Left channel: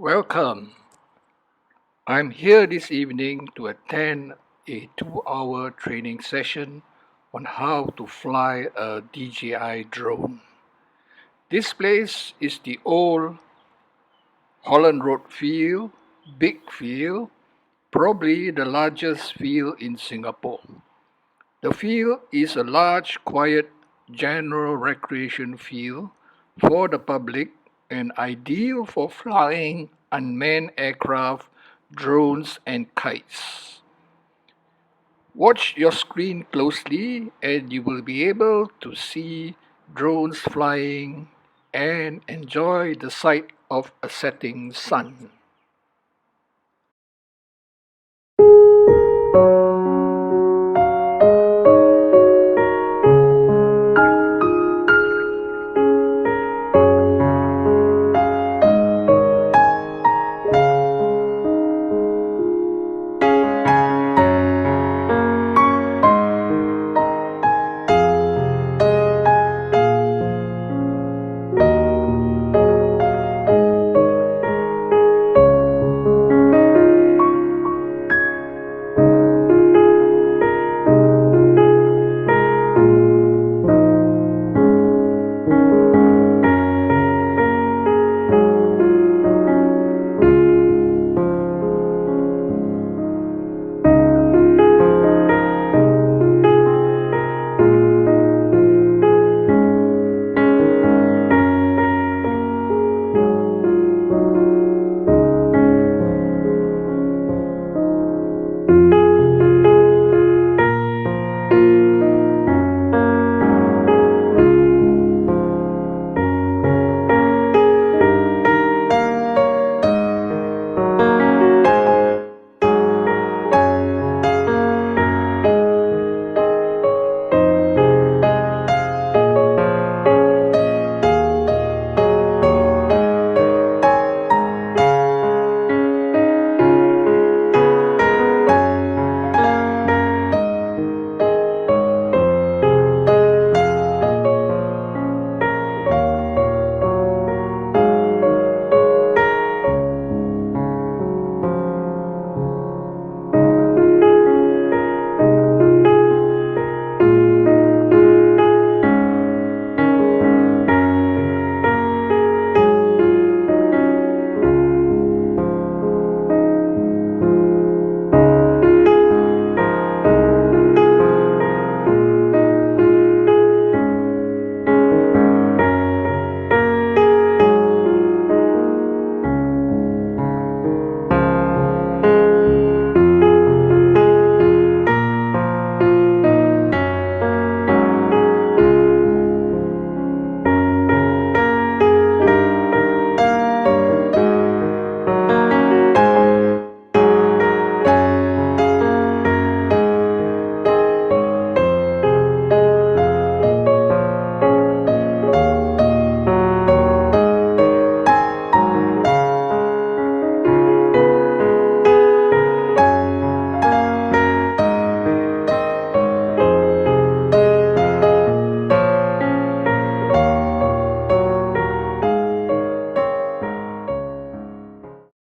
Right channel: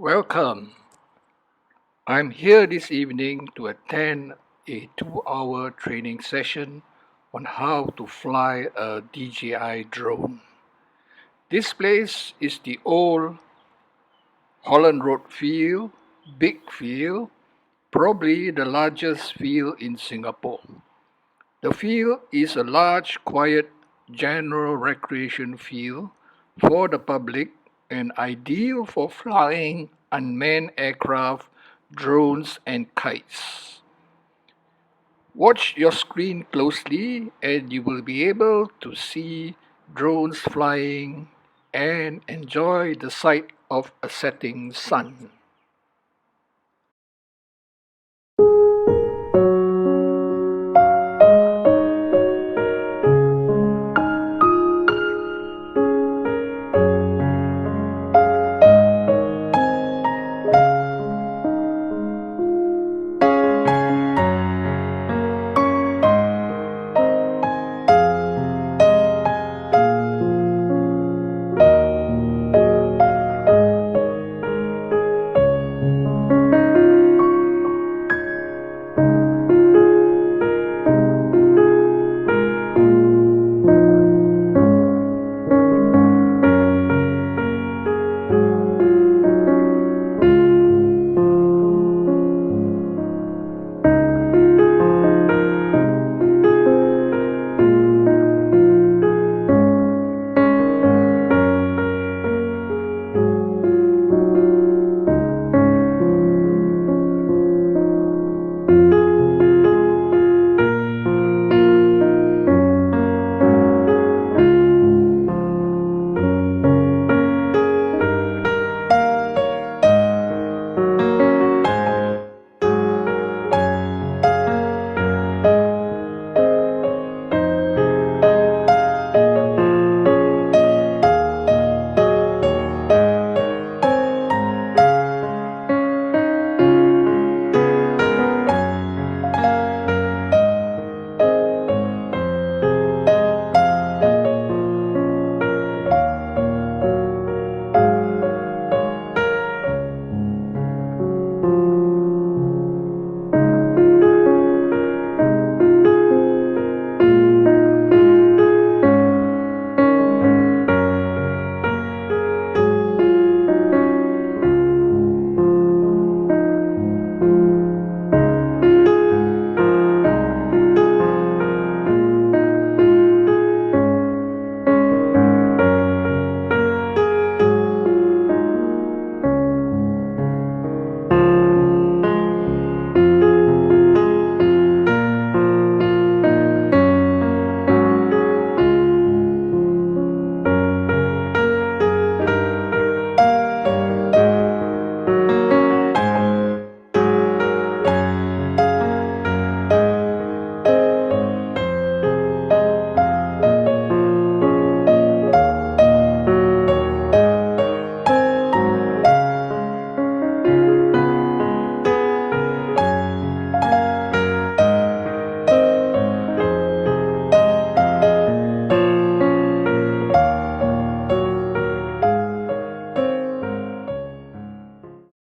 Welcome. I'm here this evening to attend a 2-hour training session on how to fly a DJI drone. This place is the old Holland Road field, big field, probably the largest field in Singapore. The field is a large, quiet, general recreation field for the public and ideal for flying unmanned aircraft, drones, and kites. Watch your screen closely and you will be able to see drones flying and enjoy the sight of a setting sun.